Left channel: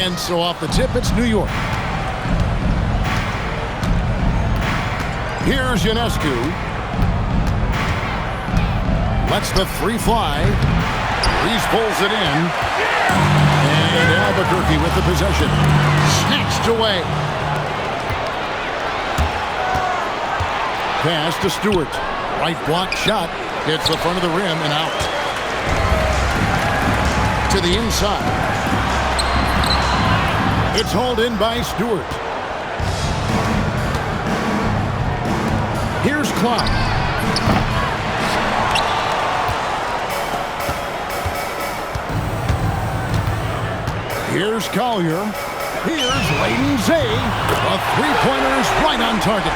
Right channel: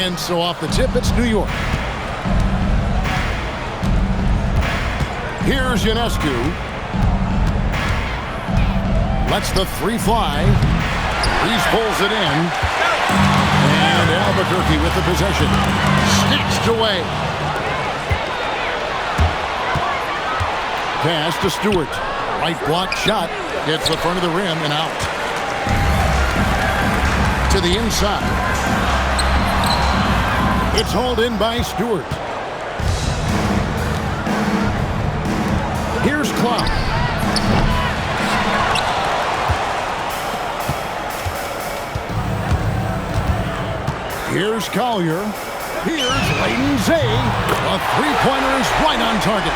And so off the tip, it's New York. Here's Ionescu. Lets the three fly. Reese pulls it in. And Albuquerque with the possession. Snatched away. Pass to Stewart. Right block shot. Hits the front of the rim and out. To the inside. It's hauled in by Stewart. Here's Cloud. Here's Collier. Here's Layden Zay. A three-pointer is right on target.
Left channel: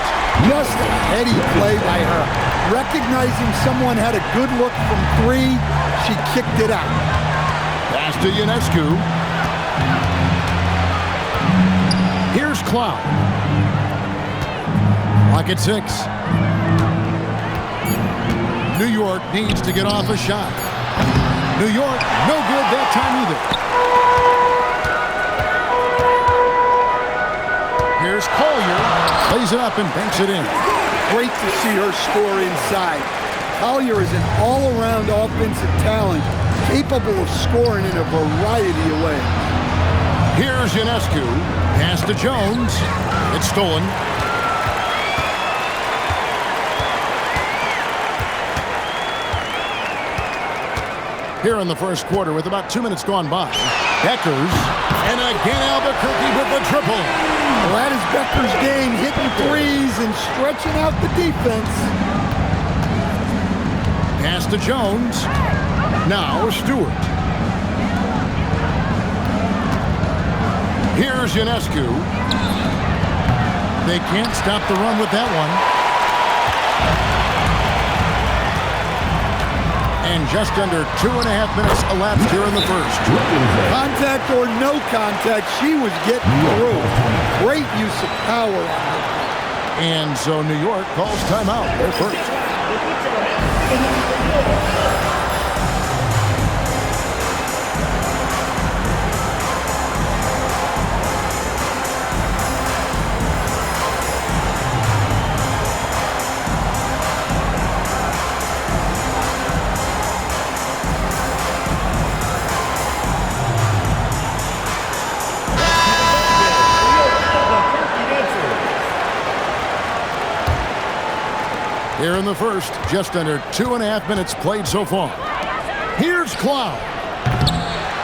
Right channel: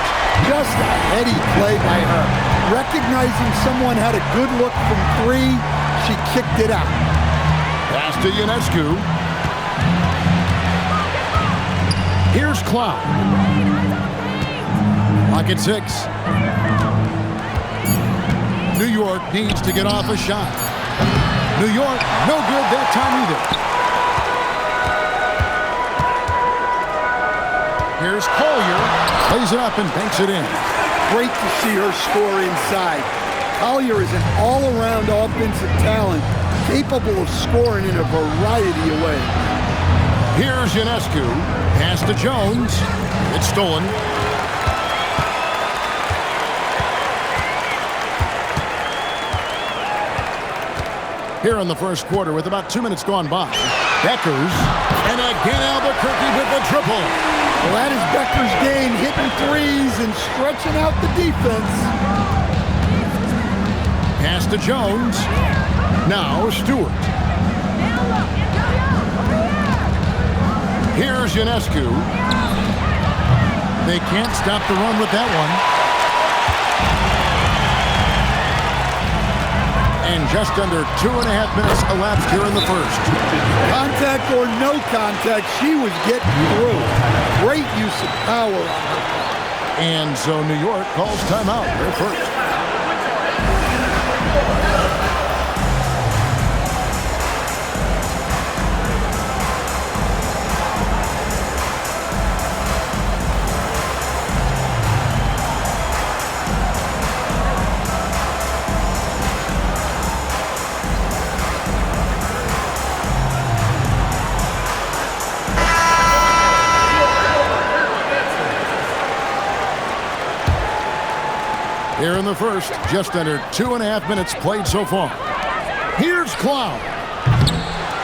Just a heady play by her. Recognizing someone had a good look from three, she kicked it out. Pass to Ionescu. Here's Cloud. Clock at 6. New York needs to get off a shot. New York, no good that time either. Here's Collier. Plays it up and banks it in. Great to see her score inside. Collier is an all-around offensive talent, capable of scoring in a variety of ways. Here's Ionescu. Pass to Jones. It's stolen. Here in the first quarter with about 2 minutes gone by. Beckers. And again Albuquerque with the triple. Well, that is Becker's game, hitting threes and stretching out the defense. Pass to Jones. Now Stewart. Here's Ionescu. They can't stop the run with that one. And just under 2.5 minutes elapsed here in the first. Contact or no contact, she was getting through. Great use of power on her part. And so New York calls timeout. They're first. Here in the first, just under 2.5 minutes played so far. Here's Cloud.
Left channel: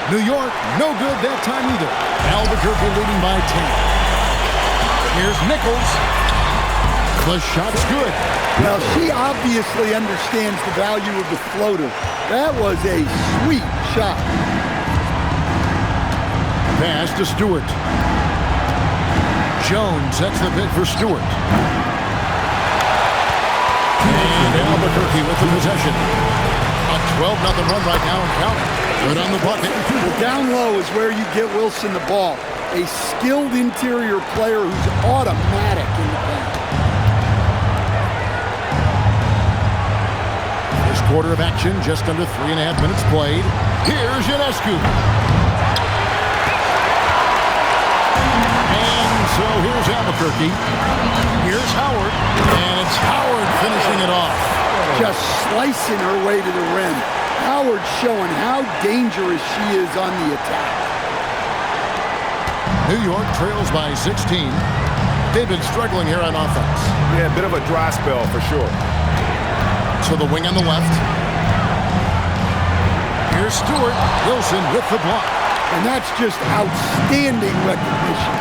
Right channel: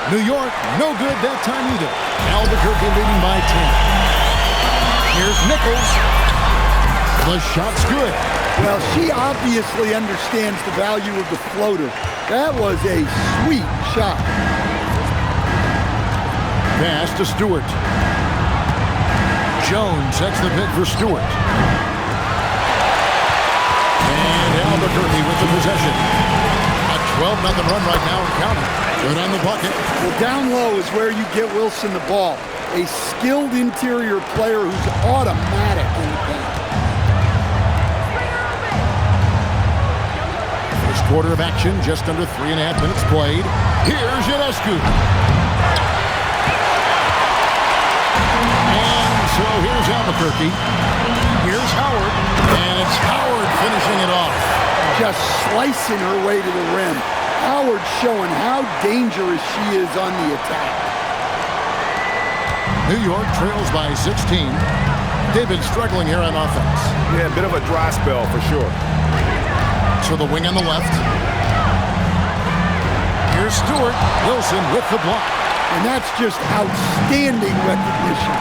New York, no good that time either. Albuquerque leading by 10. Here's Nichols. The shot's good. Well, she obviously understands the value of the floater. That was a sweet shot. Pass to Stewart. Jones sets the pick for Stewart. And Albuquerque with the possession. A 12-0 run right now and counting. Good on the bucket. Well, down low is where you get Wilson the ball. A skilled interior player who's automatic in the paint. First quarter of action, just under 3.5 minutes played. Here's Ionescu. And so here's Albuquerque. Here's Howard. And it's Howard finishing it off. Just slicing her way to the rim. Howard showing how dangerous she is on the attack. New York trails by 16. They've been struggling here on offense. Yeah, a bit of a dry spell for sure. To the wing on the left. Here's Stewart. Wilson with the block. And that's just outstanding recognition.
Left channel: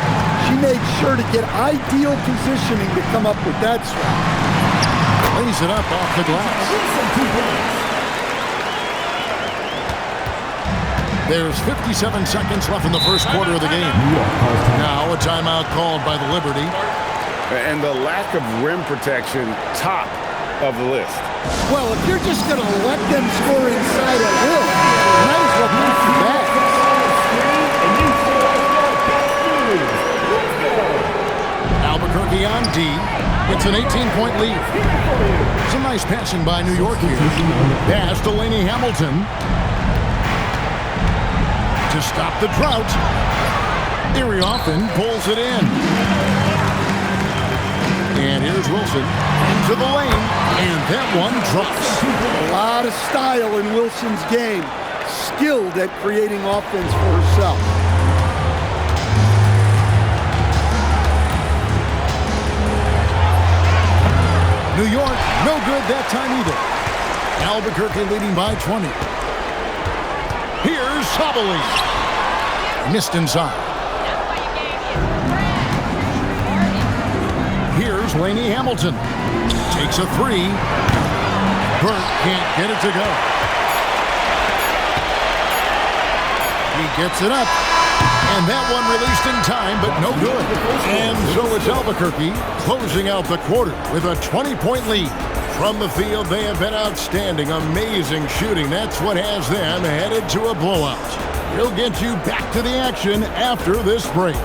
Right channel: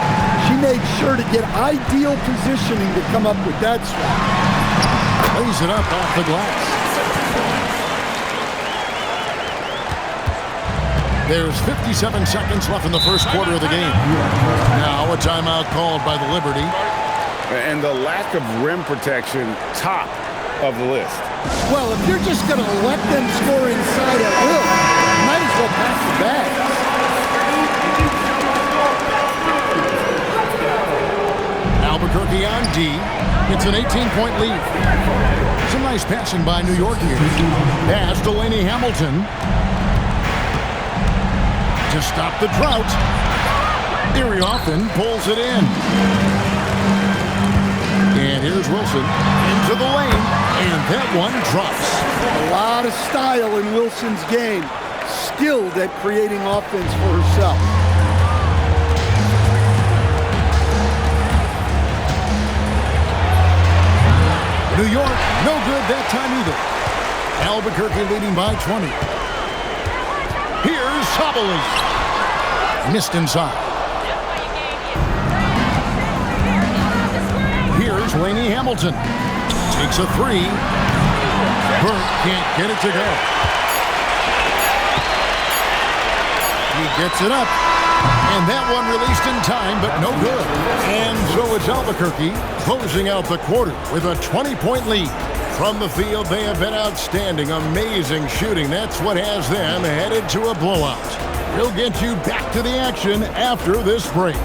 She made sure to get ideal positioning to come up with that swap. Lays it up off the glass. There's 57 seconds left in the first quarter of the game. Now a timeout called by the Liberty. And the lack of rim protection, top of the list. Well, if you're just going to let them score inside at will, you might as well pack your bags. Albuquerque on D. It's an 18-point lead. Some nice passing by New York here. Pass to Laney Hamilton. To stop the drought. Erie often pulls it in. And here's Wilson into the lane, and that one drops. A lot of style in Wilson's game. Skilled at creating offense for herself. New York, no good that time either. Albuquerque leading by 20. Here's Sabali. Missed inside. Here's Laney Hamilton. Takes a three. Burke can't get it to go. He gets it up. And that one released in time, but no good. And so it's Albuquerque closing out the quarter with a 20-point lead. From the field, they have been outstanding, amazing shooting. That's what has them headed to a blowout. We'll get you back to the action after this break.